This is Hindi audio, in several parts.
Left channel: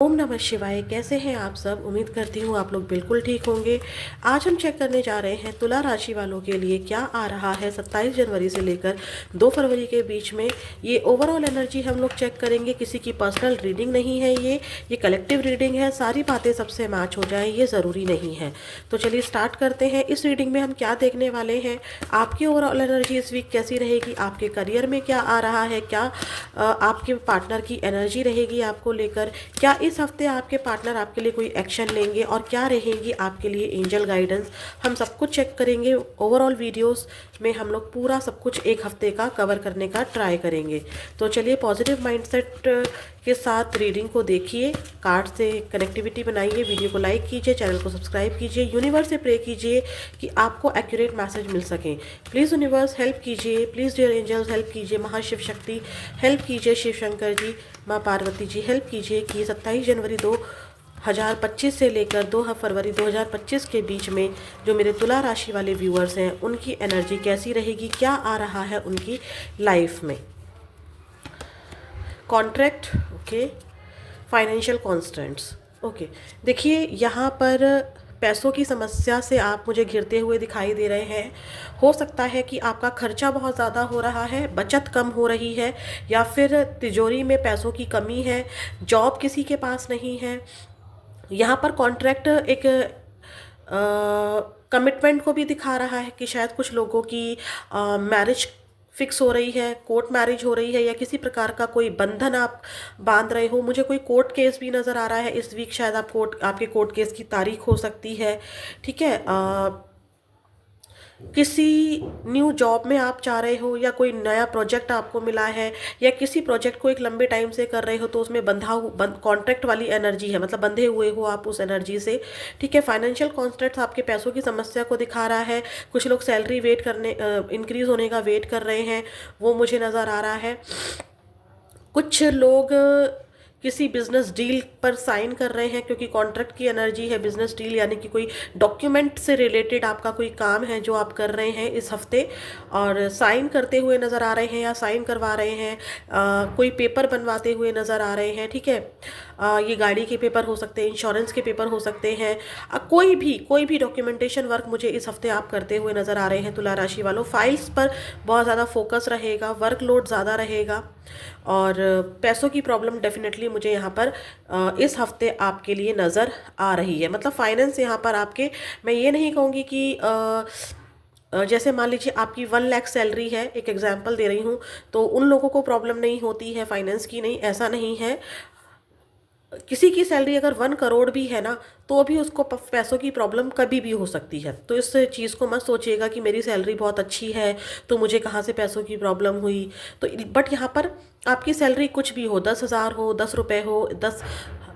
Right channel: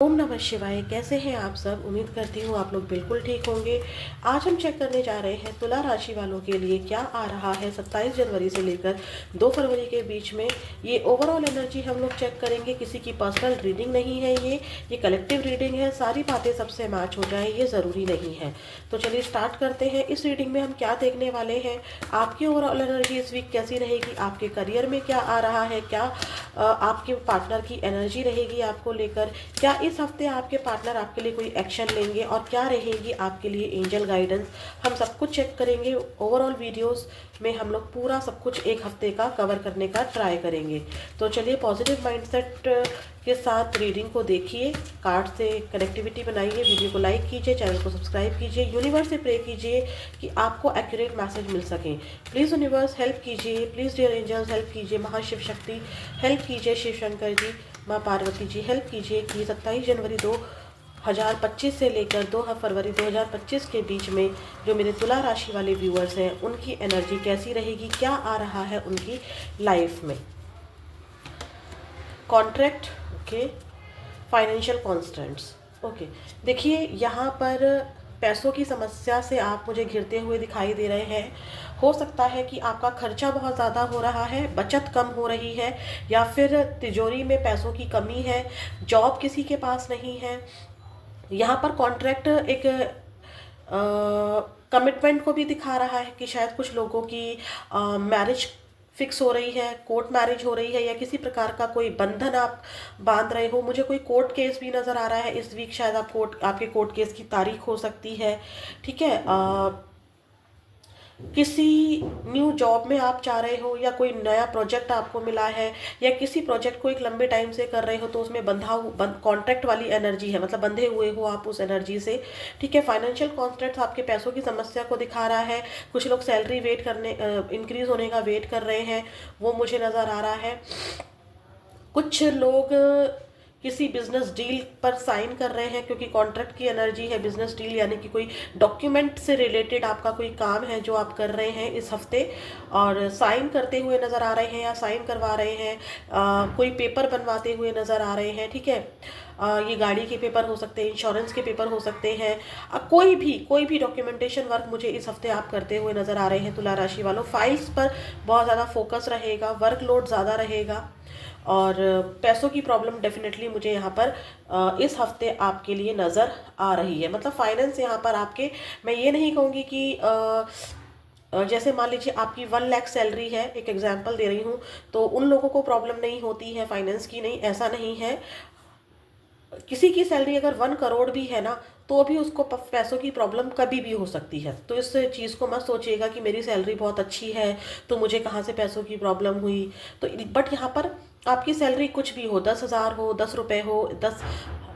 ओम नमः शिवाय। कैसे हैं आप सब? उम्मीद करती हूँ आप लोग बिल्कुल ठीक होंगे। आज हम चेक करने जा रहे हैं तुला राशि वालों के लिए क्या आ रहा है 27 जनवरी से लेकर 2 फरवरी के बीच में। ये ओवरऑल एनर्जी हम लोग चेक करेंगे, किसी की पर्सनल रीडिंग नहीं है, ये कलेक्टिव रीडिंग है। सारी बातें सबसे मैच हो जाए ये ज़रूरी नहीं है। तो चलिए स्टार्ट करते हैं। इस रीडिंग में हम क्या देखने वाले हैं, आपकी ओवरऑल एनर्जी इस वीक कैसी रहेगी, आपके करियर में क्या आ रहा है, क्या आपके पार्टनर की एनर्जी रहेगी आपको लेकर, क्या इस हफ्ते आपके पार्टनर आपके लिए कोई एक्शन लेंगे और क्या रहेगी आपके लिए एंजल गाइडेंस। हम सब कुछ चेक करेंगे। ओवरऑल वीडियोस में हम लोग पूरा सब कुछ एक हफ्ते का कवर करने का ट्राई करेंगे। तो चलिए पॉजिटिव माइंडसेट के साथ रीडिंग को देखिए, कार्ड से कनेक्टिविटी बनाइए, वीडियो को लाइक कीजिए, चैनल को सब्सक्राइब कीजिए, यूनिवर्स से प्रे कीजिए कि आपको एक्यूरेट मैसेज मिल सके। प्लीज़ यूनिवर्स हेल्प कीजिए, प्लीज़ डियर एंजल्स हेल्प कीजिए, महाशिव शक्ति हेल्प कीजिए, शिव शंकर जी, माँ पार्वती जी हेल्प कीजिए कि 27 जनवरी 2025 से लेकर 2 फरवरी 2025 के बीच में जो मेरे तुला राशि वाले व्यूअर्स हैं उनकी एनर्जी कैसी रहेगी, क्या आ रहा है उनकी लाइफ में। Contract, okay, financial constants, okay. देखिए यहाँ पर पैसों की समस्या से आप मुझे घिरते हुए दिखाई दे रहे हैं। हो सकता है कि आपका खर्चा बहुत ज़्यादा हो रहा है, बचत कम हो रही है, या फिर तिजोरी में पैसों की कमी है, जॉब किसी के पास नहीं है। यहाँ पर कॉन्ट्रैक्ट एक कमिटमेंट को भी दिखा रहा है कि शायद कुछ लोगों की मैरिज फिक्स हो रही है, कोर्ट मैरिज हो रही है, या किसी प्रकार का कोई बंधन आप बांध रहे हो। मुझे कोई कोर्ट केस भी नज़र आ रहा है इस वीक, शायद आपके कोर्ट केस की तारीख हो सकती है। ठीक है, किसी न्यू जॉब में आप जा रहे हो, या कोई नया प्रोजेक्ट आपको मिला है, या किसी प्रोजेक्ट को एक लंबे टाइम से कर रहे हो तो उसमें कॉन्ट्रैक्ट वाली एनर्जी है, मतलब बंधे हुए हो आप उस एनर्जी से। ठीक है, फाइनेंशियल कॉन्स्टेंट्स आपके पैसों की समस्या को दिखा रहा है। कुछ लोग सैलरी वेट करने, इंक्रीज होने का वेट कर रहे हैं, वो मुझे नज़र आ रहा है। कुछ लोग किसी बिजनेस डील पर साइन कर रहे हैं, क्योंकि कॉन्ट्रैक्ट की एनर्जी है। बिजनेस डील यानी कि कोई डॉक्यूमेंट से रिलेटेड आपका कोई काम है जो आप कर रहे हैं इस हफ्ते, और साइन करते हुए नज़र आ रहे हैं या साइन करवा रहे हैं। कोई पेपर बनवाते हुए नज़र आ रहे हैं। ठीक है, ये गाड़ी के पेपर हो सकते हैं, इंश्योरेंस के पेपर हो सकते हैं, कोई भी डॉक्यूमेंटेशन वर्क मुझे इस हफ्ते आप करते हुए नज़र आ रहे हैं तुला राशि वालों। फाइल्स पर बहुत ज़्यादा फोकस रहेगा, वर्कलोड ज़्यादा रहेगा, और पैसों की प्रॉब्लम डेफिनेटली मुझे यहाँ पर इस हफ्ते आपके लिए नज़र आ रही है। मतलब फाइनेंस यहाँ पर आपके, मैं ये नहीं कहूँगी कि जैसे मान लीजिए आपकी 1 लाख सैलरी है, एक एग्जांपल दे रही हूँ, तो उन लोगों को प्रॉब्लम नहीं होती है फाइनेंस की, नहीं, ऐसा नहीं है। किसी की सैलरी अगर 1 करोड़ भी है ना, तो भी उसको पैसों की प्रॉब्लम कभी भी हो सकती है। तो इस चीज़ को मत सोचिएगा कि मेरी सैलरी बहुत अच्छी है तो मुझे कहाँ से पैसों की प्रॉब्लम हुई। तो बट यहाँ पर आपकी सैलरी कुछ भी हो, 10,000 हो, 10 रुपये हो, 10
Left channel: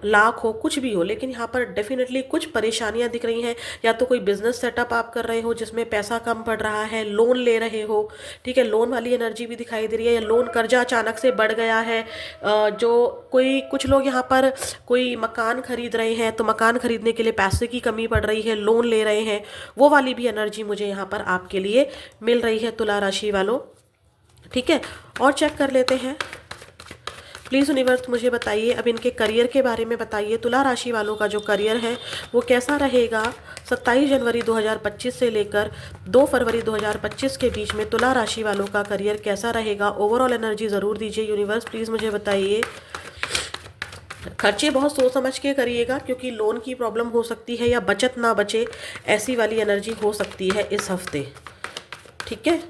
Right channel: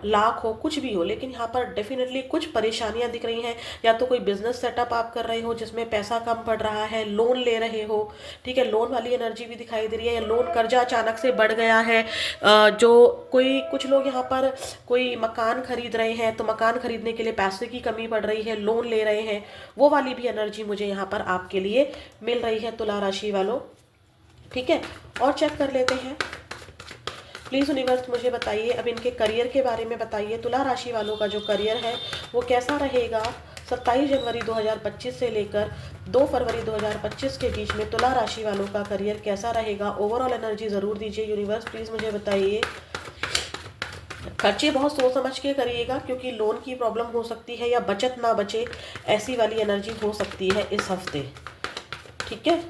लाख हो, कुछ भी हो, लेकिन यहाँ पर डेफिनेटली कुछ परेशानियाँ दिख रही हैं। या तो कोई बिजनेस सेटअप आप कर रहे हो जिसमें पैसा कम पड़ रहा है, लोन ले रहे हो। ठीक है, लोन वाली एनर्जी भी दिखाई दे रही है, या लोन कर्जा अचानक से बढ़ गया है। जो कुछ लोग यहाँ पर कोई मकान खरीद रहे हैं, तो मकान खरीदने के लिए पैसे की कमी पड़ रही है, लोन ले रहे हैं, वो वाली भी एनर्जी मुझे यहाँ पर आपके लिए मिल रही है तुला राशि वालों। ठीक है, और चेक कर लेते हैं। प्लीज़ यूनिवर्स मुझे बताइए, अब इनके करियर के बारे में बताइए। तुला राशि वालों का जो करियर है वो कैसा रहेगा 27 जनवरी 2025 से लेकर 2 फरवरी 2025 के बीच में। तुला राशि वालों का करियर कैसा रहेगा, ओवरऑल एनर्जी ज़रूर दीजिए यूनिवर्स, प्लीज़ मुझे बताइए। खर्चे बहुत सोच समझ के करिएगा, क्योंकि लोन की प्रॉब्लम हो सकती है, या बचत ना बचे, ऐसी वाली एनर्जी हो सकती है इस हफ्ते। ठीक है,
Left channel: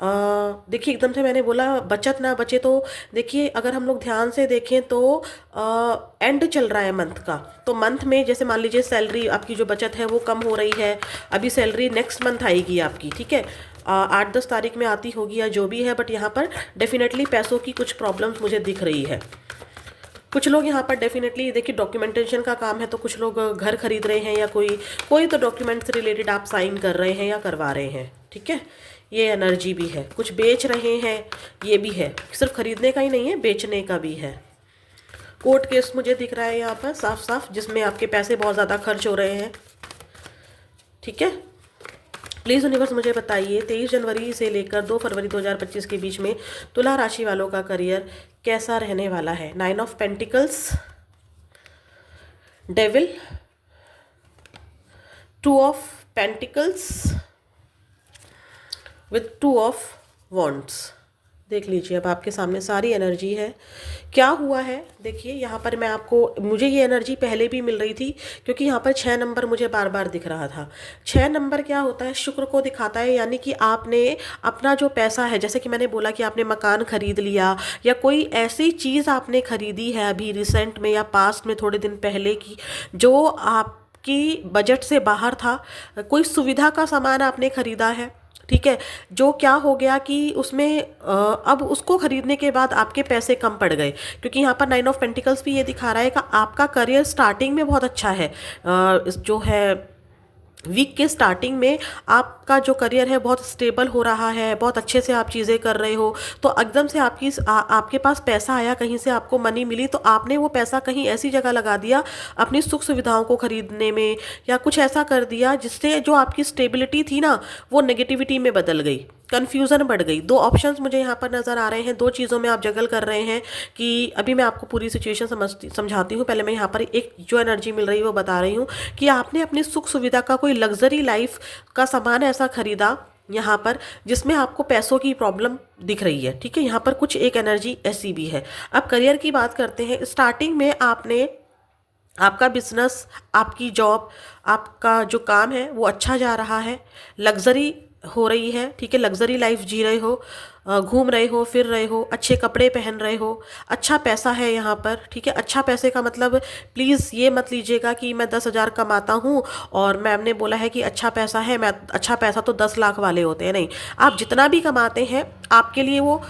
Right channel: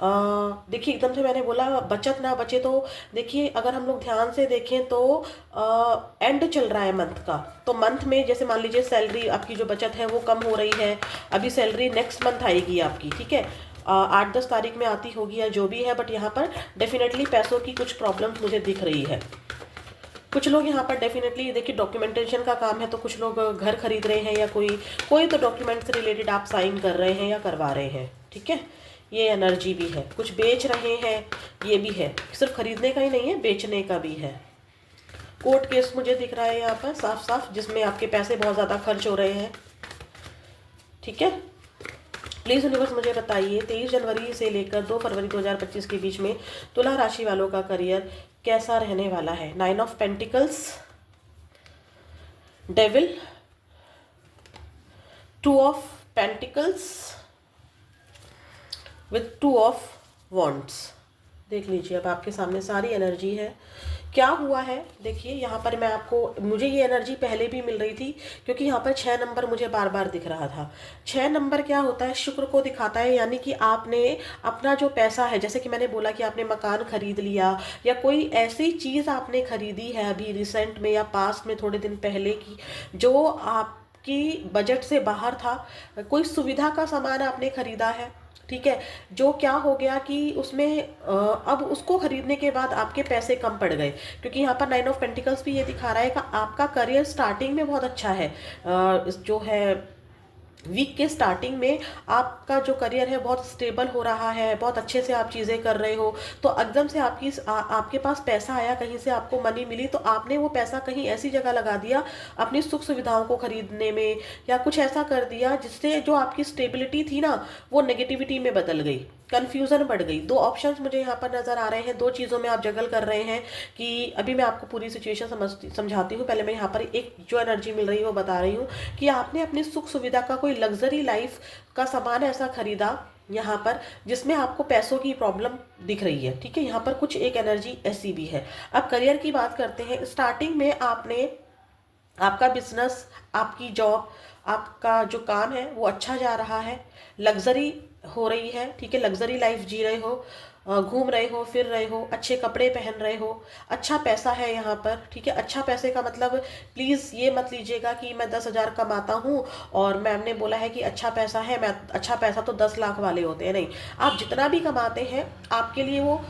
देखिए एकदम से मैंने बोला बचत ना बचे, तो देखिए अगर हम लोग ध्यान से देखें तो एंड चल रहा है मंथ का। तो मंथ में जैसे मान लीजिए सैलरी आपकी जो बचत है वो कम हो रही है, अभी सैलरी नेक्स्ट मंथ आएगी आपकी। ठीक है, 8-10 तारीख में आती होगी या जो भी है, बट यहाँ पर डेफिनेटली पैसों की कुछ प्रॉब्लम्स मुझे दिख रही है। कुछ लोग यहाँ पर डेफिनेटली देखिए डॉक्यूमेंटेशन का काम है, तो कुछ लोग घर खरीद रहे हैं, या कोई तो डॉक्यूमेंट से रिलेटेड आप साइन कर रहे हैं या करवा रहे हैं। ठीक है, ये एनर्जी भी है। कुछ बेच रहे हैं, ये भी है, सिर्फ खरीदने का ही नहीं है, बेचने का भी है। कोर्ट केस मुझे दिख रहा है यहाँ पर साफ साफ, जिसमें आपके पैसे बहुत ज़्यादा खर्च हो रहे हैं। ठीक है, प्लीज़ यूनिवर्स मुझे बताइए 23 जनवरी से लेकर 2 फरवरी 2025 के बीच में तुला राशि वालों का करियर कैसा रहने वाला है। 9 of pentacles, devil, two of pentacles with two of wands. देख लीजिए, अब आपके सामने सारी एनर्जी है। क्या हुआ है देखिए, यहाँ पर मैं आपको, मुझे ये एनर्जी पहले भी मिल रही थी क्योंकि यहाँ पर 6 नंबर मुझे बार बार दिख रहा था। 6 नंबर क्या होता है, शुक्र को दिखाता है, यानी कि आपने अपना जो पैसा है, जैसे कि मैंने बोला कि आपने मकान खरीद लिया या कोई ऐसी चीज़ आपने खरीदी है अभी रिसेंट में या पास्ट में थोड़े दिन पहले की, जो आपकी बजट से बाहर था, कोई सुविधा का सामान आपने खरीदा है, ठीक है, जो क्या हो गया कि उसमें अब उसको खरीदने के बाद आपके पैसे कम पड़ गए, क्योंकि यहाँ पर 9 ऑफ पेंटिकल्स भी ये दिखा रहा है कि आपका करियर स्टार्टिंग में बहुत अच्छा है, जो है वीक के स्टार्टिंग में आपका जो करियर है बहुत स्टेबल हो रहा है, बहुत अच्छे से आप चीज़ें कर रहे हो, तो एकदम से आपके पास पैसा आया, कहीं से आपको मनी मिली, तो आपने वो पैसा कहीं ऐसी जगह लगा दिया अपनी सुख सुविधाओं को खरीदने में, या कुछ ऐसा कर दिया जिससे जो आपकी स्टेबिलिटी थी ना वो नेगेटिविटी में बदल गई, कन्फ्यूज़न बढ़ गई। 2 ऑप्शंस मुझे यहाँ पर नज़र आ रहे हैं, 2 चीज़ों में आप जगल कर रहे हैं कि अभी मैं आपको पूरी सिचुएशन समझाती हूँ। पहले मैं यहाँ पर एक जो एनर्जी मिल रही है वो बता रही हूँ कि आपने अपनी सुख सुविधा का कोई लग्जरी लाइफ का सामान ऐसा खरीदा यहाँ पर जिसमें आपको पैसों की प्रॉब्लम दिख रही है, ठीक है, यहाँ पर कुछ एक एनर्जी ऐसी भी है। अब करियर की बात करते हैं। स्टार्टिंग में आपने आपका बिजनेस, आपकी जॉब, आपका जो काम है वो अच्छा जा रहा है, लग्जरी हो रही है, ठीक है, लग्जरी लाइफ जी रहे हो, घूम रहे हो, फिर रहे हो, अच्छे कपड़े पहन रहे हो, अच्छा पैसा है यहाँ पर, ठीक है। अच्छा पैसे का मतलब प्लीज़ ये मत लीजिएगा कि मैं 10,000 कमाता हूँ और मैम ने बोला है कि अच्छा पैसा है, मैं अच्छा पैसा तो 10 लाख वाले होते हैं, नहीं, आप जितना भी कमाते हैं आपके लिए वो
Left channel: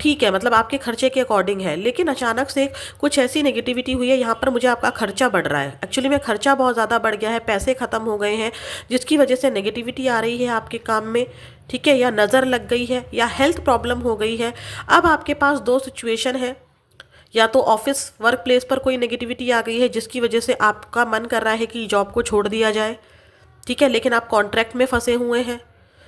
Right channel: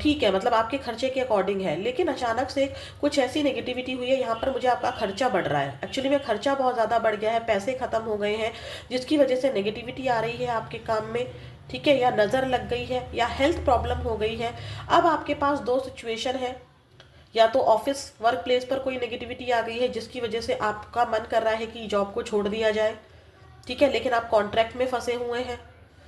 ठीक है, मतलब आपके खर्चे के अकॉर्डिंग है। लेकिन अचानक से कुछ ऐसी नेगेटिविटी हुई है, यहाँ पर मुझे आपका खर्चा बढ़ रहा है, एक्चुअली में खर्चा बहुत ज़्यादा बढ़ गया है, पैसे ख़त्म हो गए हैं, जिसकी वजह से नेगेटिविटी आ रही है आपके काम में, ठीक है, या नज़र लग गई है या हेल्थ प्रॉब्लम हो गई है। अब आपके पास 2 सिचुएशन है, या तो ऑफिस वर्क प्लेस पर कोई नेगेटिविटी आ गई है जिसकी वजह से आपका मन कर रहा है कि जॉब को छोड़ दिया जाए, ठीक है, लेकिन आप कॉन्ट्रैक्ट में फंसे हुए हैं,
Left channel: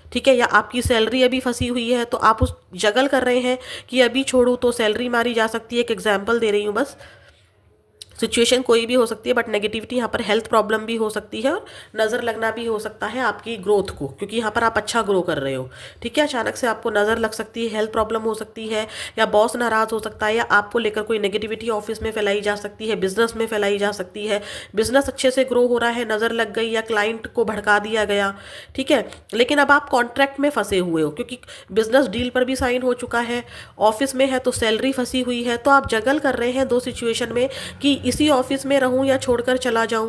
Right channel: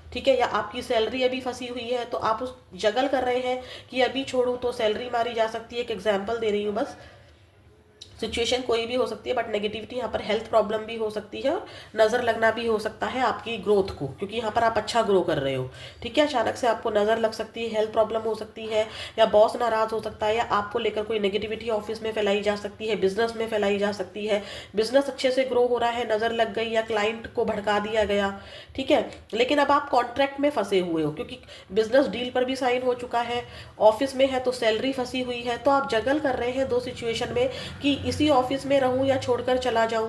ठीक है, या आपकी सैलरी अभी फंसी हुई है, तो आप उस जगल कर रहे हैं कि अभी छोड़ूं तो सैलरी मारी जा सकती है। एक एग्जांपल दे रही हूँ बस, सिचुएशन कोई भी हो सकती है, बट नेगेटिविटी यहाँ पर हेल्थ प्रॉब्लम भी हो सकती है और नज़र लगना भी हो सकता है आपकी ग्रोथ को, क्योंकि यहाँ पर आप अच्छा ग्रो कर रहे हो, ठीक है। अचानक से आपको नज़र लग सकती है, हेल्थ प्रॉब्लम हो सकती है, या बॉस नाराज़ हो सकता है, या आपको लेकर कोई नेगेटिविटी ऑफिस में फैलाई जा सकती है, बिजनेस में फैलाई जा सकती है। बिजनेस अच्छे से ग्रो हो रहा है, नज़र लग गई, या क्लाइंट को भड़का दिया गया, ठीक है, लेकिन अब आप कॉन्ट्रैक्ट में फंसे हुए हो क्योंकि बिजनेस डील पर भी साइन हो चुका है, ऑफिस में है तो सैलरी फंसी हुई है, तो आप जगल कर रहे हैं 2 सिचुएशन में कि इसी ऑफिस में रहूं या छोड़कर चला जाऊं,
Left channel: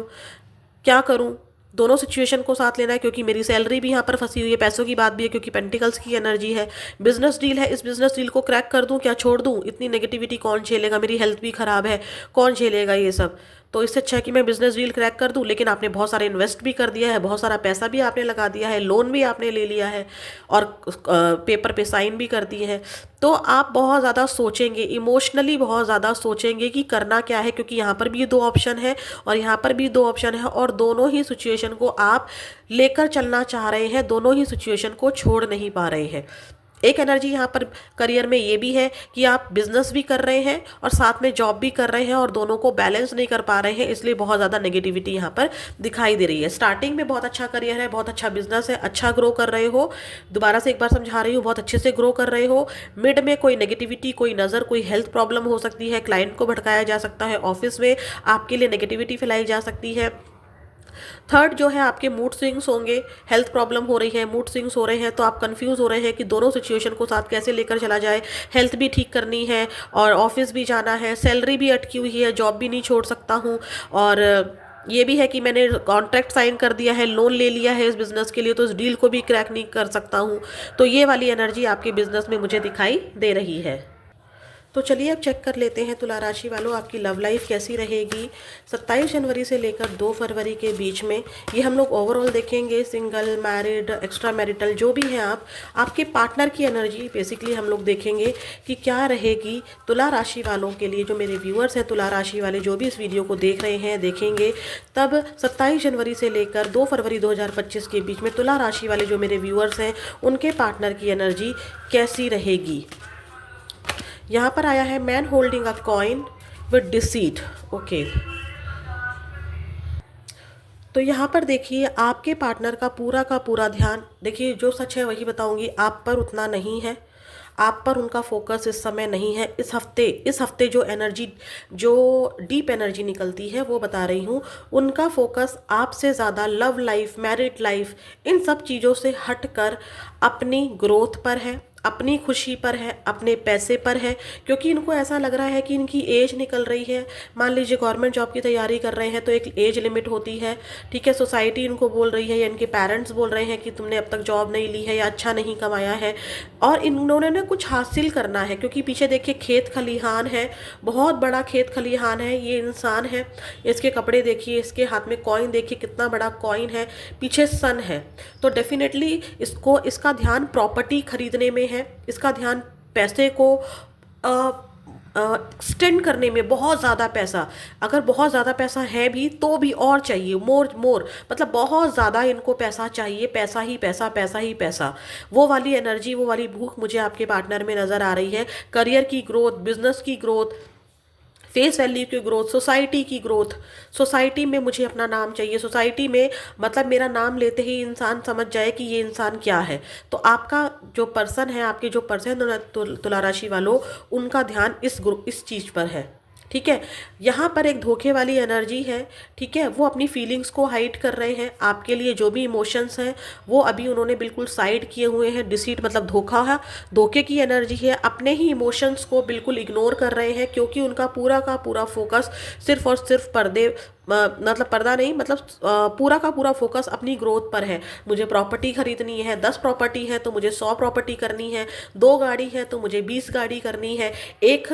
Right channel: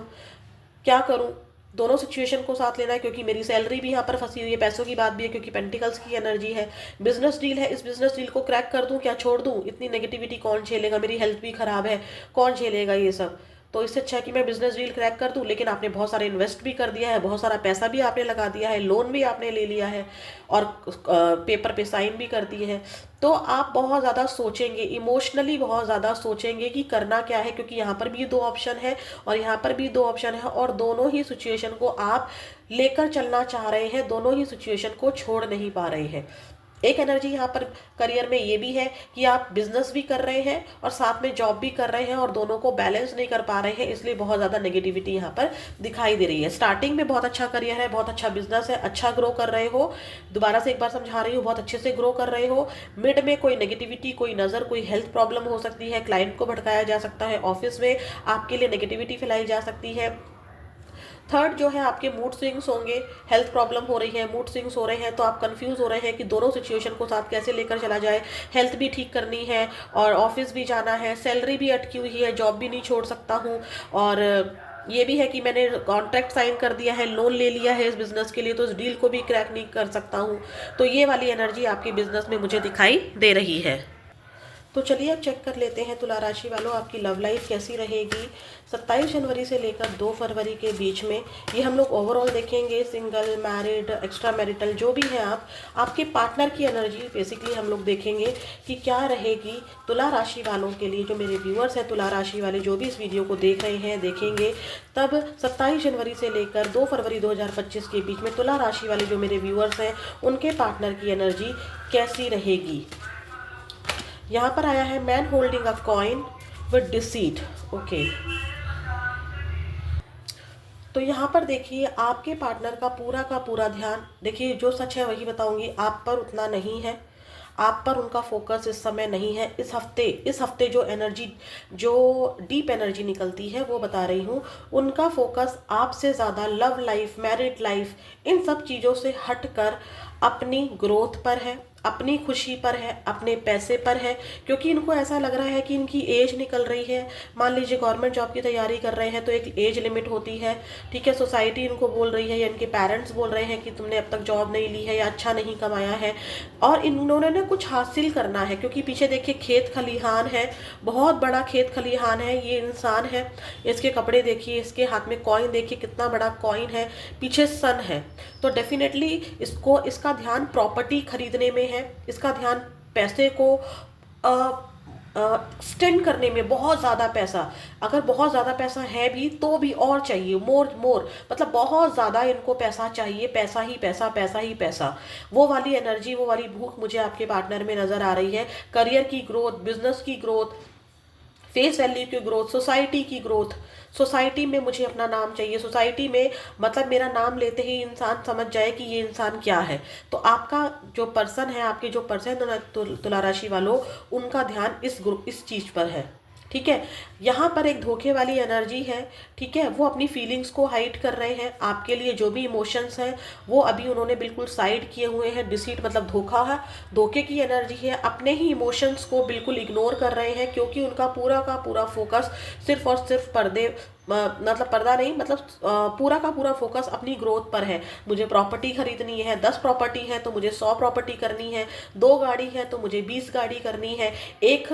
क्या करूं। दोनों सिचुएशन को साथ लेना है क्योंकि मेरी सैलरी भी यहाँ पर फंसी हुई है, पैसों की बात भी है क्योंकि पेंटिकल्स की एनर्जी है, बिजनेस डील है, इस बिजनेस डील को क्रैक कर दूं क्या छोड़ दूं, इतनी नेगेटिविटी कौन झेलेगा, मेरी हेल्थ भी खराब है, कौन झेलेगा ये सब। तो इससे अच्छा है कि मैं बिजनेस डील क्रैक कर दूं, लेकिन आपने बहुत सारा इन्वेस्ट भी कर दिया है, बहुत सारा पैसा भी आपने लगा दिया है, लोन भी आपने ले लिया है और पेपर पे साइन भी कर दिए हैं, तो आप बहुत ज़्यादा सोचेंगे, इमोशनली बहुत ज़्यादा सोचेंगे कि करना क्या है, क्योंकि यहाँ पर भी 2 ऑप्शन है और यहाँ पर भी 2 ऑप्शन है, और दोनों ही सिचुएशन को आप लेकर चलना चाह रहे हैं, दोनों ही सिचुएशन को छोड़ नहीं पा रहे हैं। एक एनर्जी यहाँ पर करियर में ये भी है कि आप बिजनेस भी कर रहे हैं और साथ में जॉब भी कर रहे हैं और दोनों को बैलेंस नहीं कर पा रहे हैं, इसलिए बहुत ज़्यादा नेगेटिविटी यहाँ पर दिखाई दे रही है। स्टार्टिंग में बहुत अच्छा करियर है, बहुत अच्छा बिजनेस है, अच्छा ग्रो कर रहे हो, दोबारा से एक बार समझा रही हूँ, बहुत अच्छे से ग्रो कर रहे हो। मिड में कोई नेगेटिविटी, कोई नज़र, कोई हेल्थ प्रॉब्लम हो सकती है, क्लाइंट को भड़काया जा सकता है, ऑफिस में आपके लिए नेगेटिविटी फैलाई जा सकती है। थर्ड जो है आपके मूड स्विंग्स होंगे, हेल्थ प्रॉब्लम हो रही है, मूड स्विंग्स हो रहे हैं, तो आप कंफ्यूज हो रहे हैं कि दोनों सिचुएशन को साथ कैसे लेकर चला जाए, हेल्थ भी ठीक करनी है और ऑफिस भी जाना है, सैलरी भी अटकी हुई है, जॉब भी नहीं छोड़ सकता हूँ, और ये भी है कि मैंने कॉन्ट्रैक्ट साइन कर दिया है, लोन ले लिया है इस बिज़नेस के लिए, तो इस डील को भी क्रैक नहीं कर सकता हूँ। तो ये वाली एनर्जी आपके बिज़नेस में मुझे दिखाई दे रही है। तो चलिए अब चेक कर लेते हैं तुला राशि वालों, आपकी लव लाइफ कैसी रहेगी 27 जनवरी से लेकर 2 फरवरी के बीच में। ये हम लोग ओवरऑल देखेंगे, सिंगल, मैरिड, एक्स्ट्रा मैरिटल, जो भी है आपके पार्टनर की एनर्जी बेसिकली हम लोग देखेंगे कि क्या रहेगी तुला राशि वालों के लिए। जो मेरे व्यूअर्स हैं तुला राशि वाले, जो भी इस वीडियो को देख रहे हैं, देखेंगे, तब 27 जनवरी से लेकर 2 फरवरी 2025 के बीच में तुला राशि वाले जो मेरे व्यूअर्स हैं उनके पार्टनर की एनर्जी कैसी रहेगी। यहाँ पर आया है man holding a coin with deceit, okay. तो यहाँ पर देखिए आपके पार्टनर का पूरा ध्यान, देखिए जो सच है वही बताऊंगी, आप पर उतना नहीं है। आप पर उनका फोकस इस समय नहीं है। इस हफ्ते जो एनर्जी, जो डीप एनर्जी निकलती है वो बता रही हूँ। उनका फोकस आपसे ज़्यादा लव लाइफ, मैरिड लाइफ, इन सब चीज़ों से हटकर अपनी ग्रोथ पर है, अपनी खुशी पर है, अपने पैसे पर है। क्योंकि इनको ऐसा लग रहा है कि इनकी एज निकल रही है। मान लीजिए गवर्नमेंट जॉब की तैयारी कर रहे हैं तो एक एज लिमिट होती है, ठीक है। सोसाइटी इनको बोल रही है या इनके पेरेंट्स बोल रहे हैं कि तुमने अब तक जॉब नहीं ली है या अच्छा नहीं कमाया है, और इन्होंने ना कुछ हासिल करना है। क्योंकि पीछे देखिए खेत खलिहान है, बहुत बड़ा खेत खलिहान है, ये इंसान है, इसके कपड़े देखिए, इसके हाथ में कॉइन देखिए, कितना बड़ा कॉइन है, पीछे सन है। तो डेफिनेटली इसको, इसका ध्यान प्रॉपर्टी खरीदने में है, इसका ध्यान पैसे को एक्सटेंड करने में, बहुत ज़्यादा पैसा, अगर बहुत ज़्यादा पैसा है भी तो भी और चाहिए, मोर मोर, मतलब बहुत ज़्यादा इनको पैसा चाहिए, पैसा ही पैसा, पैसा ही पैसा। वो वाली एनर्जी, वो वाली भूख मुझे आपके पार्टनर में नज़र आ रही है। करियर की ग्रोथ, बिजनेस की ग्रोथ, फेस वैल्यू की ग्रोथ, सोसाइटी की ग्रोथ। सोसाइटी में मुझे अपना नाम चाहिए, सोसाइटी में मतलब मेरा नाम लेते ही इंसान समझ जाए कि ये इंसान क्या है। तो आपका जो पर्सन है, आपके जो पर्सन तुला राशि वालों, उनका ध्यान इस चीज़ पर है, ठीक है। यहाँ पर एक धोखे वाली एनर्जी है, ठीक है। वो अपनी फीलिंग्स को हाइड कर रहे हैं। आपके लिए जो भी इमोशंस हैं वो अभी उन्होंने बिल्कुल साइड किए हुए हैं। डिसीट मतलब धोखा है, धोखे की एनर्जी है। अपने ही इमोशंस को बिल्कुल इग्नोर कर रहे हैं, क्योंकि उनका पूरा का पूरा फोकस सिर्फ और सिर्फ पर्दे, मतलब पर्दा नहीं, मतलब पूरा का पूरा फोकस अपनी ग्रोथ पर है। मुझे प्रॉपर्टी खरीदनी है, 10 प्रॉपर्टी है तो मुझे 100 प्रॉपर्टी करनी है, 2 गाड़ी है तो मुझे 20 गाड़ी करनी है, एक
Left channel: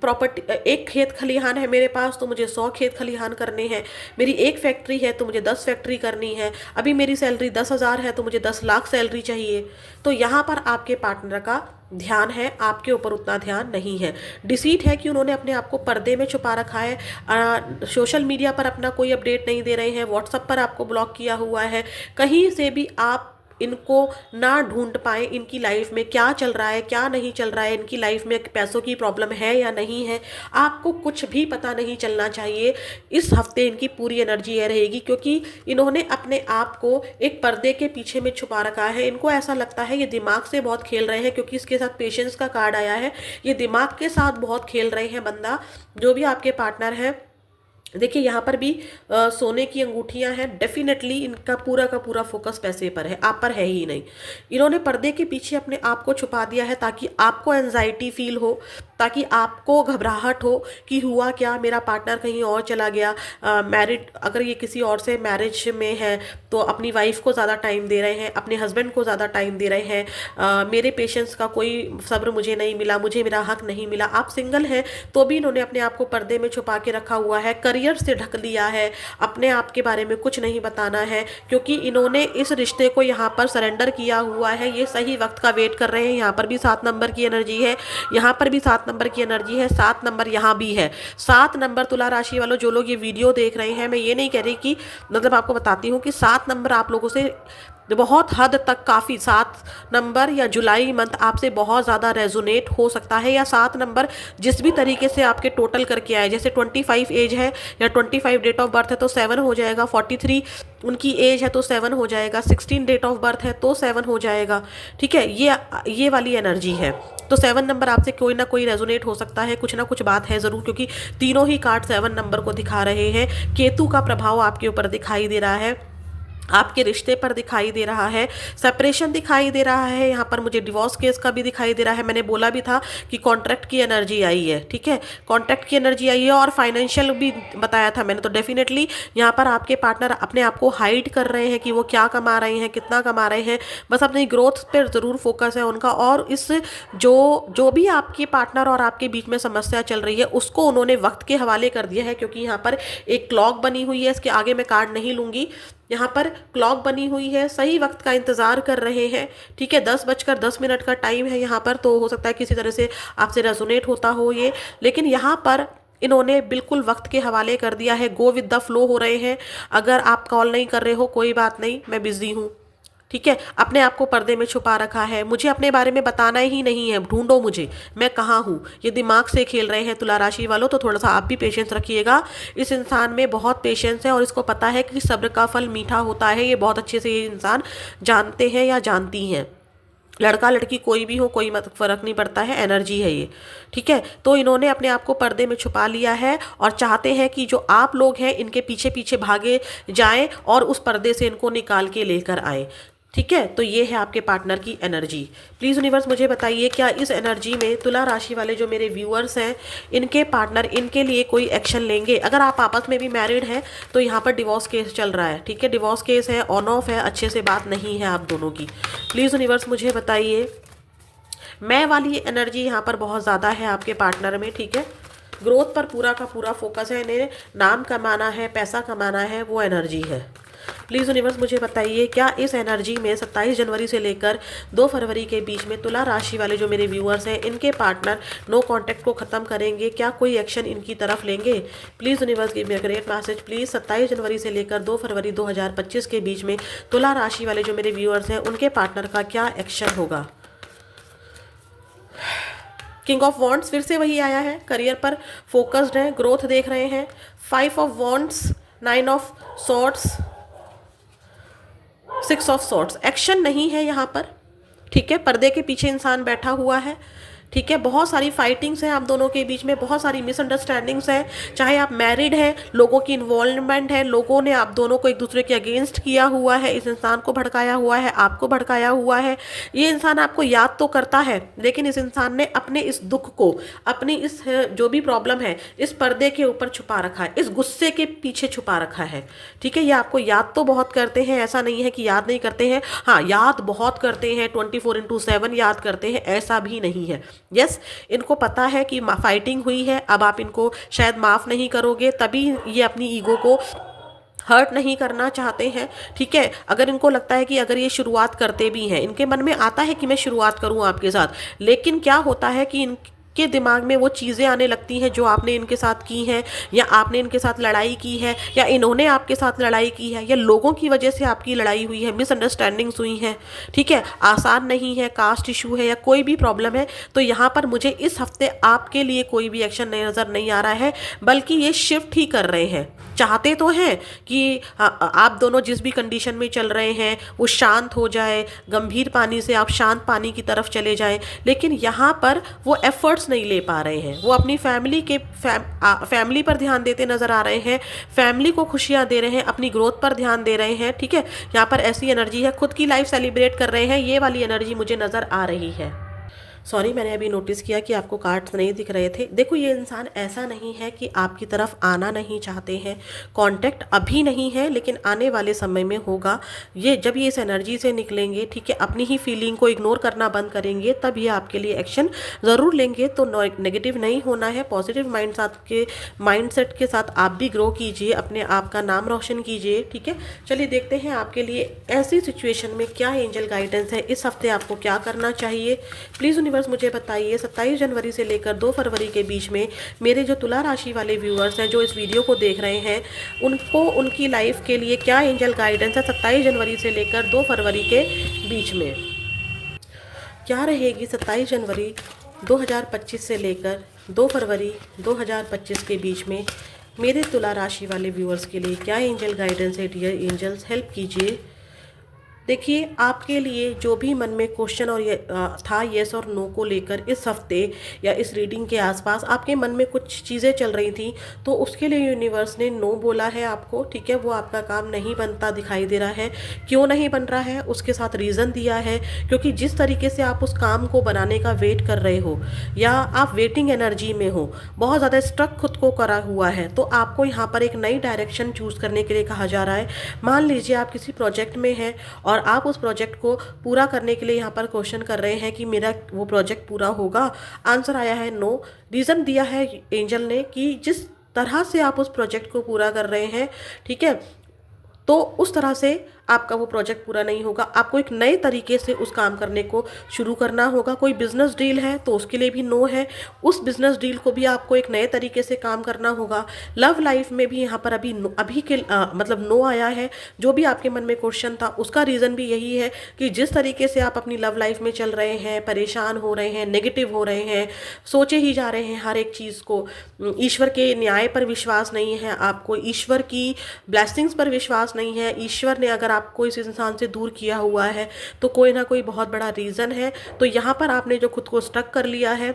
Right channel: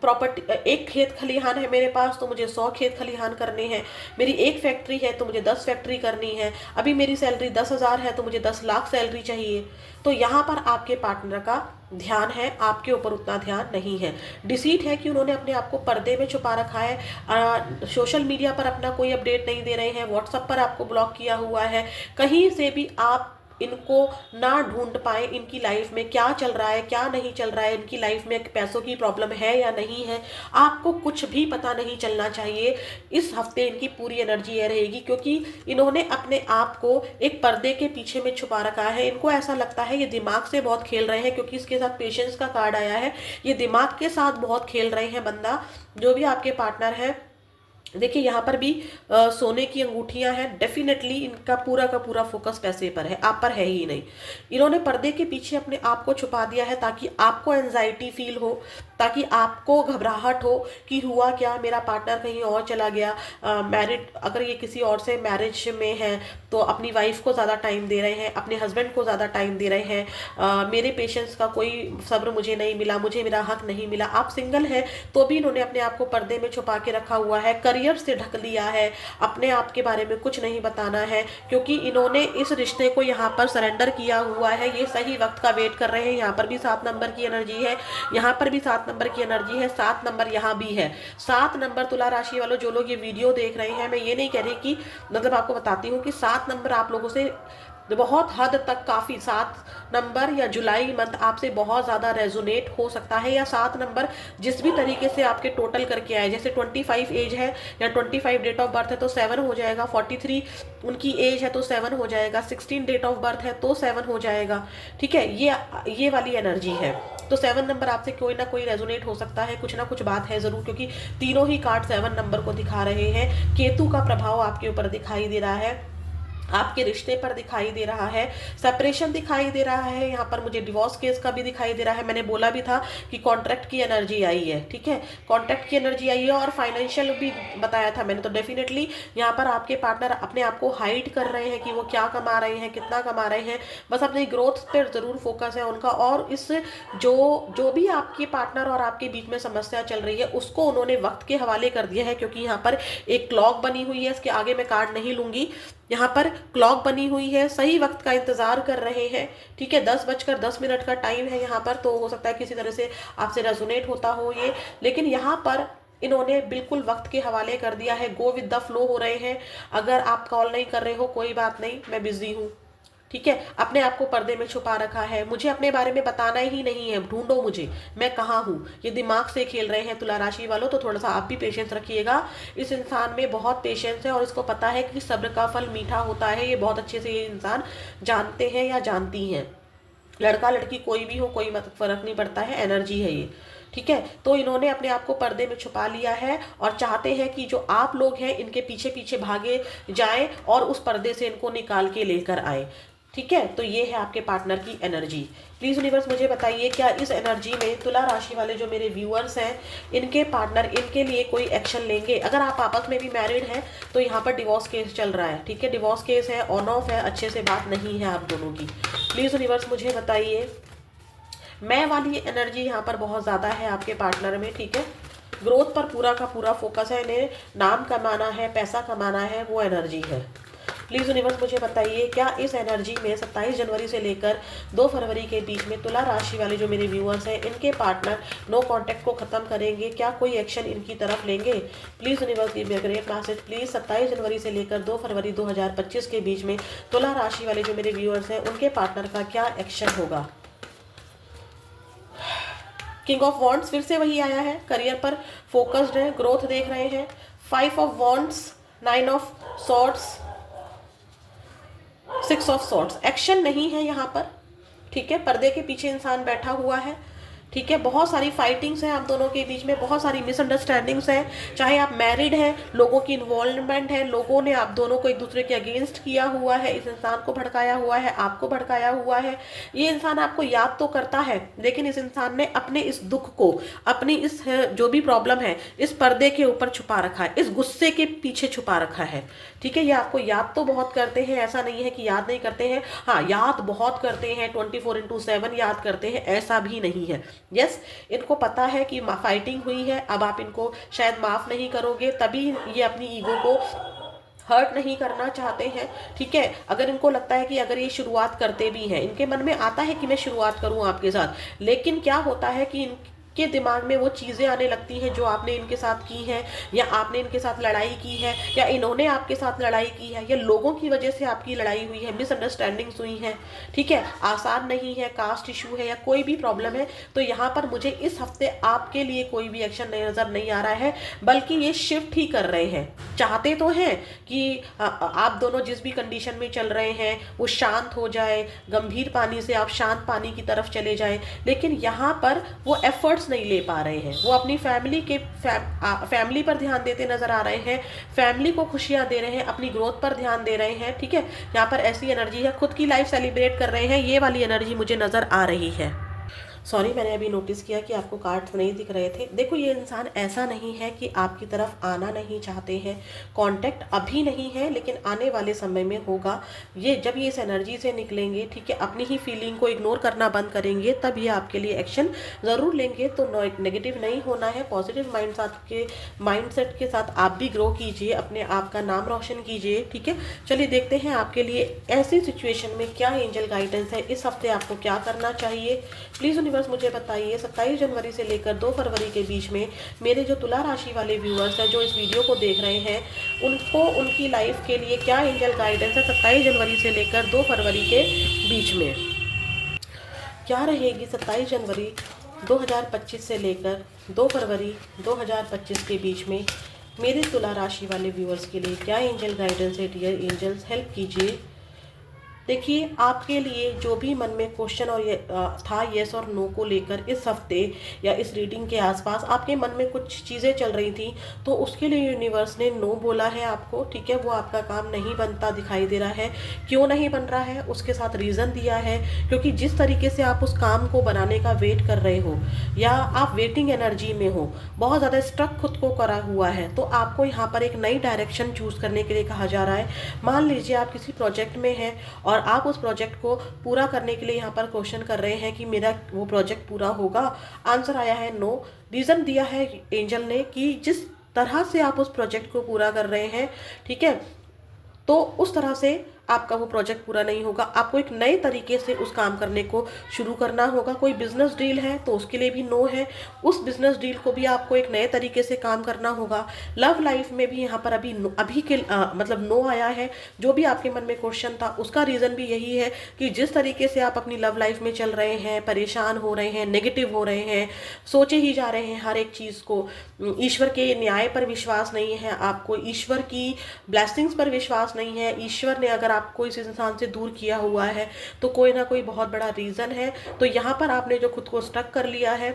प्रॉपर्टी, एक खेत खलिहान है मेरे पास तो मुझे 100 खेत खलिहान करने हैं, मेरी एक फैक्ट्री है तो मुझे 10 फैक्ट्री करनी है, अभी मेरी सैलरी 10,000 है तो मुझे 10 लाख सैलरी चाहिए। तो यहाँ पर आपके पार्टनर का ध्यान है, आपके ऊपर उतना ध्यान नहीं है। डिसीट है कि उन्होंने अपने आप को पर्दे में छुपा रखा है। सोशल मीडिया पर अपना कोई अपडेट नहीं दे रहे हैं, व्हाट्सएप पर आपको ब्लॉक किया हुआ है। कहीं से भी आप इनको ना ढूंढ पाए, इनकी लाइफ में क्या चल रहा है, क्या नहीं चल रहा है, इनकी लाइफ में पैसों की प्रॉब्लम है या नहीं है, आपको कुछ भी पता नहीं चलना चाहिए। इस हफ्ते इनकी पूरी एनर्जी ये रहेगी, क्योंकि इन्होंने अपने आप को एक पर्दे के पीछे में छुपा रखा है। इनको ऐसा लगता है ये दिमाग से बहुत खेल रहे हैं, क्योंकि इसके साथ पेशेंस का कार्ड आया है। ये दिमाग के साथ बहुत खेल रहे हैं बंदा, जो भी आपके पार्टनर है। देखिए यहाँ पर भी सोने की अंगूठियां हैं। डेफिनेटली इनका पूरा का पूरा फोकस पैसे पर है, आप पर है ही नहीं। इन्होंने पर्दे के पीछे अपने आप को छुपा दिया है, ताकि आपको एंजाइटी फील हो, ताकि आपको घबराहट हो कि हुआ क्या, मेरा पार्टनर कहीं और चला गया। मैरिड, अगर ये किसी और से मैरिज में है तो अपनी वाइफ को ज़्यादा टाइम दे रहे हैं, अपने हस्बैंड को ज़्यादा टाइम दे रहे हैं। मेरे पेशेंस का कोई सब्र मुझे नहीं मिला, मुझे मेरा हक नहीं मिला। आप सिंगल हैं तो भी इन्होंने अपने आप को पर्दे में छुपा के रखा हुआ है, करियर से ढक लिया है, अपने आप के बारे में कुछ नहीं बताना है, क्योंकि इन्होंने इस रिश्ते को यहाँ पर सरेंडर किया हुआ है। ये सही वक्त का वेट कर रहे हैं। यहाँ पर भी 7 नंबर की एनर्जी है, यहाँ पर भी 7 नंबर की एनर्जी है, 7 नंबर यहाँ भी है। 7 नंबर तुला राशि वालों, जो लोग ये वीडियो देख रहे हैं, मैं ये नहीं कह रही कि, मतलब आपको बताती हूँ कि 7 नंबर आप लोगों से बहुत हद तक, काफ़ी 7 नंबर या जुलाई मंथ आपसे बहुत ज़्यादा रेजोनेट हो सकता है। या 7 नंबर जिस भी तरीके से आपके टोटल करके आए, जैसे 25 एज है या 25 डेट ऑफ बर्थ है तो 7 हो जाएगा, 43 उनकी एज है तो 7 हो जाएगा, 16 डेट ऑफ बर्थ है तो 7 हो जाएगा, ठीक है। ये वाली एनर्जी है। तो 7 नंबर आपसे कोई ना कोई रेजोनेट हो सकता है, कुछ ना कुछ बात है ज़रूर, क्योंकि तीनों ही कार्ड 7 नंबर को दिखा रहे हैं। केतु का प्रभाव आपके ऊपर दिखाई दे रहा है, आपके रिश्ते पर दिखाई दे रहा है, सेपरेशन दिखाई दे रहा है। यहाँ पर मुझे डिवोर्स केस का भी दिखाई दे रहा है। मैंने बोला भी था कि कॉन्ट्रैक्ट की एनर्जी आई है, ठीक है, कॉन्ट्रैक्ट की एनर्जी आई है, और फाइनेंशियल भी बताया था मैंने। तो डेफिनेटली यहाँ पर आपके पार्टनर अपने आप को हाइड कर रहे हैं कि वो क्या कमा रहे हैं, कितना कमा रहे हैं, बस अपनी ग्रोथ पर ज़रूर फोकस है उनका। और इस जो भी आपके पार्टनर और आपके बीच में समस्या चल रही है, उसको उन्होंने वक्त के हवाले कर दिया है। क्योंकि यहाँ पर एक क्लॉक बनी हुई है, इसके आगे मैं कार्ड नहीं लूँगी, यहाँ पर क्लॉक बनी हुई है, सही वक्त का इंतजार कर रहे हैं, ठीक है। 10:10 का टाइम है यहाँ पर, तो हो सकता है किसी तरह से आपसे रेजोनेट होता हो ये, लेकिन यहाँ पर इन्होंने बिल्कुल वक्त के हवाले कर दिया है। गो विद द फ्लो हो रहे हैं। अगर आप कॉल नहीं कर रहे हो कोई बात नहीं, मैं बिजी हूँ, ठीक है, अपने आप को पर्दे में छुपा रखा है, मुझे अपने बारे में बताना ही नहीं है, ढूंढो मुझे, मैं कहाँ हूँ। ये दिमाग से खेल रहे हैं तुला राशि वालों, तो थोड़ा सा आप भी पेशेंस रखिएगा। इस इंसान में बहुत पेशेंस है और इसको पता है कि सब्र का फल मीठा होता है। ये बहुत अच्छे से ये इंसान जानते हैं या जानती हैं। लड़का लड़की कोई भी हो, कोई मत फर्क नहीं पड़ता है, एनर्जी है ये। ठीक है, तो इन्होंने अपने आप को पर्दे में छुपा लिया है और चाहते हैं कि जो आप लोग हैं इनके पीछे पीछे भागे जाएं और उस पर्दे से इनको निकाल के लेकर आए। ठीक है, तो ये है आपके पार्टनर की एनर्जी। प्लीज़ यूनिवर्स मुझे बताइए, क्या इस एनर्जी में तुला राशि वाले जो मेरे व्यूअर्स हैं, इनके पार्टनर इनके लिए कोई एक्शन लेंगे? अगर आप आपस में भी मैरिड हैं तो यहाँ पर डिवोर्स केस चल रहा है। ठीक है, डिवोर्स केस है, ऑन ऑफ है, अच्छे से बात नहीं है आप दोनों की। प्लीज़ यूनिवर्स मुझे बताइए, मैं वाली एनर्जी यहाँ पर बहुत ज़्यादा है आपके पार्टनर में। ठीक है, ग्रोथ पर पूरा का पूरा फोकस है, इन्हें नाम कमाना है, पैसा कमाना है, वो एनर्जी है। प्लीज़ यूनिवर्स मुझे बताइए, क्या इस एनर्जी में 27 जनवरी से लेकर 2 फरवरी के बीच में तुला राशि वाले जो मेरे व्यूअर्स हैं, इनके पार्टनर नो कांटेक्ट को ख़त्म करेंगे? क्या कोई एक्शन इनकी तरफ लेंगे? Please universe give me a great message. Please 27 जनवरी से लेकर 2 फरवरी 2025 के बीच में तुला राशि वाले जो मेरे व्यूअर्स हैं, उनके पार्टनर का क्या एक्शन होगा? किंग ऑफ वॉन्ड्स फिर से वही आया है, करियर पर फोकस्ड है, ग्रोथ देख रहे हैं। 5 of wands, 9 of swords, 6 of swords. Action नहीं है यहाँ पर। ठीक है, पर्दे के पीछे इंसान बैठा हुआ है। ठीक है, बहुत सारी फाइटिंग्स हैं आप दोनों के बीच में, बहुत सारी मिसअंडरस्टैंडिंग्स हैं। चाहे आप मैरिड हैं, लोगों की इन्वॉल्वमेंट है, लोगों ने आप दोनों को एक दूसरे के अगेंस्ट किया हुआ है, इस इंसान को भड़काया हुआ है, आपको भड़काया हुआ है। ये इंसान आपको याद तो करता है, लेकिन इस इंसान ने अपने इस दुख को, अपनी इस जो भी प्रॉब्लम है, इस पर्दे के ऊपर छुपा रखा है, इस गुस्से के पीछे छुपा रखा है। ठीक है, ये आपको याद तो बहुत करते हैं, ऐसा नहीं है कि याद नहीं करते हैं, हाँ याद बहुत करते हैं, 24/7 याद करते हैं, ऐसा भी नहीं है। यस, इनको पता है कि फाइटिंग हुई है, अब आप इनको शायद माफ़ नहीं करोगे, तभी ये अपनी ईगो को हर्ट नहीं करना चाहते हैं। ठीक है, अगर इनको लगता है कि अगर ये शुरुआत करते भी हैं, इनके मन में आता है कि मैं शुरुआत करूं आपके साथ, लेकिन क्या होता है कि इनके दिमाग में वो चीज़ें आने लगती हैं जो आपने इनके साथ की हैं, या आपने इनके साथ लड़ाई की है, या इन्होंने आपके साथ लड़ाई की है, या लोगों की वजह से आपकी लड़ाई हुई है, मिसअंडरस्टैंडिंग्स हुई हैं। ठीक है, आसान नहीं है, कास्ट इशू है या कोई भी प्रॉब्लम है, तो यहाँ पर मुझे इस हफ्ते आपके लिए कोई भी एक्शन नज़र नहीं आ रहा है, बल्कि ये शिफ्ट ही कर रहे हैं। चाहते तो हैं कि आप दोनों जिस भी कंडीशन में चल रहे हैं वो शांत हो जाए, गंभीर पानी से आप शांत पानी की तरफ चले जाएं, लेकिन यहाँ पर वो एफर्ट्स नहीं ले पा रहे हैं। वो अपनी फैमिली पर ध्यान देते नजर आ रहे हैं, फैमिली को खुशियां दे रहे हैं, अपनी ग्रोथ पर ध्यान दे रहे हैं। ठीक है, यहाँ पर ऐसी एनर्जी है, खुद की लाइफ सेलिब्रेट कर रहे हैं, ये वाली एनर्जी मुझे नजर आ रही है। सॉरी, मैंने अभी नोटिस किया कि आपको कार्ड्स नहीं दिख रहे थे। देखो, ये इंसान ऐसा नहीं है कि आपकी तरफ आना नहीं चाहते हैं, कांटेक्ट अभी नहीं है, लेकिन आने वाले समय में होगा। ये जब ये इस एनर्जी से निकलेंगे, ठीक है, अपनी ही फीलिंग को इग्नोर करना बंद करेंगे, तब ये आपके लिए एक्शन ज़रूर लेंगे। तो नेगेटिव नहीं होना है, पॉजिटिव माइंडसेट के साथ आप भी ग्रो कीजिए, अपने आप का नाम रोशन कीजिए। ठीक है, चलिए देखते हैं आपके लिए ऐसी सिचुएशन में क्या एंजल गाइडेंस है, इस हफ्ते आपको क्या करना चाहिए। प्लीज़ यूनिवर्स मुझे बताइए, 27 जनवरी से लेकर 2 फरवरी के बीच में मेरे जो तुला राशि वाले व्यूअर्स हैं जो इस वीडियो को देख रहे हैं, उनको उनकी लाइफ के लिए क्या एंजल गाइडेंस है 27 जनवरी से लेकर 2 फरवरी के बीच में। क्या रहेगी 27 जनवरी 2025 से लेकर 2 फरवरी 2025 के बीच में मेरे तुला राशि वाले व्यूअर्स के लिए क्या एंजल गाइडेंस है? डियर एंजल्स, हेल्प कीजिए। देखिए, आपके लिए जो भी मन में क्वेश्चन और था येस और नो को लेकर, इस हफ्ते या इस रीडिंग के आसपास आपके मन में कुछ चीज़ें चल रही थी, तो उसके लिए यूनिवर्स ने नो बोला है आपको। ठीक है, वो आपका काम नहीं बनता दिखाई दे रहा है। क्यों नहीं बन रहा है, उसके साथ रीज़न दिया है, क्योंकि जिस तरीके से आप उस काम को बनाने का वेट कर रहे हो, या आप वेटिंग एनर्जी में हो, बहुत ज़्यादा स्ट्रक खुद को करा हुआ है, तो आपको यहाँ पर एक नई डायरेक्शन चूज़ करने के लिए कहा जा रहा है। मान लीजिए आप किसी प्रोजेक्ट में हैं और आप उस प्रोजेक्ट को पूरा करने के लिए यहाँ पर क्वेश्चन कर रहे हैं कि मेरा वो प्रोजेक्ट पूरा होगा। आंसर आया है नो। रीज़न दिया है एंजल ने कि जिस तरह से आप उस प्रोजेक्ट को पूरा कर रहे हैं, ठीक है, तो उस तरह से आपका वो प्रोजेक्ट पूरा नहीं होगा। आपको एक नए तरीके से उस काम करने को शुरू करना होगा। कोई बिजनेस डील है तो उसके लिए भी नो है, उस बिजनेस डील को भी आपको एक नए तरीके से काम करना होगा। लव लाइफ में भी यहाँ पर अभी के मतलब नो आया है। जो भी आपके मन में क्वेश्चन था उसका रीज़न भी यही है कि जिस तरीके से आप अपनी लव लाइफ में चल रहे हैं, परेशान हो रहे हैं, नेगेटिव हो रहे हैं, सोचे ही जा रहे हैं हर एक चीज़ को, ईश्वर के न्याय पर विश्वास नहीं है आपको, ईश्वर की ब्लेसिंग्स पर विश्वास नहीं है, ईश्वर ने अगर आपको इस इंसान से दूर किया हुआ है तो कोई ना कोई बहुत बड़ा रीज़न है। तो यहाँ पर आपने जो खुद को स्टक कर लिया है,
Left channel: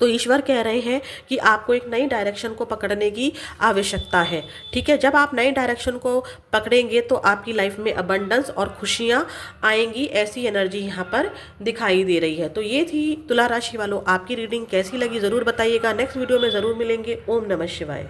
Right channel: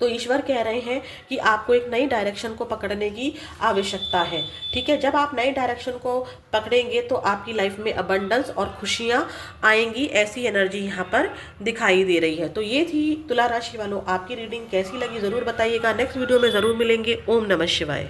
तो ईश्वर कह रहे हैं कि आपको एक नई डायरेक्शन को पकड़ने की आवश्यकता है। ठीक है, जब आप नई डायरेक्शन को पकड़ेंगे तो आपकी लाइफ में अबंडेंस और खुशियाँ आएंगी, ऐसी एनर्जी यहाँ पर दिखाई दे रही है। तो ये थी तुला राशि वालों आपकी रीडिंग। कैसी लगी ज़रूर बताइएगा। नेक्स्ट वीडियो में ज़रूर मिलेंगे। ओम नमः शिवाय।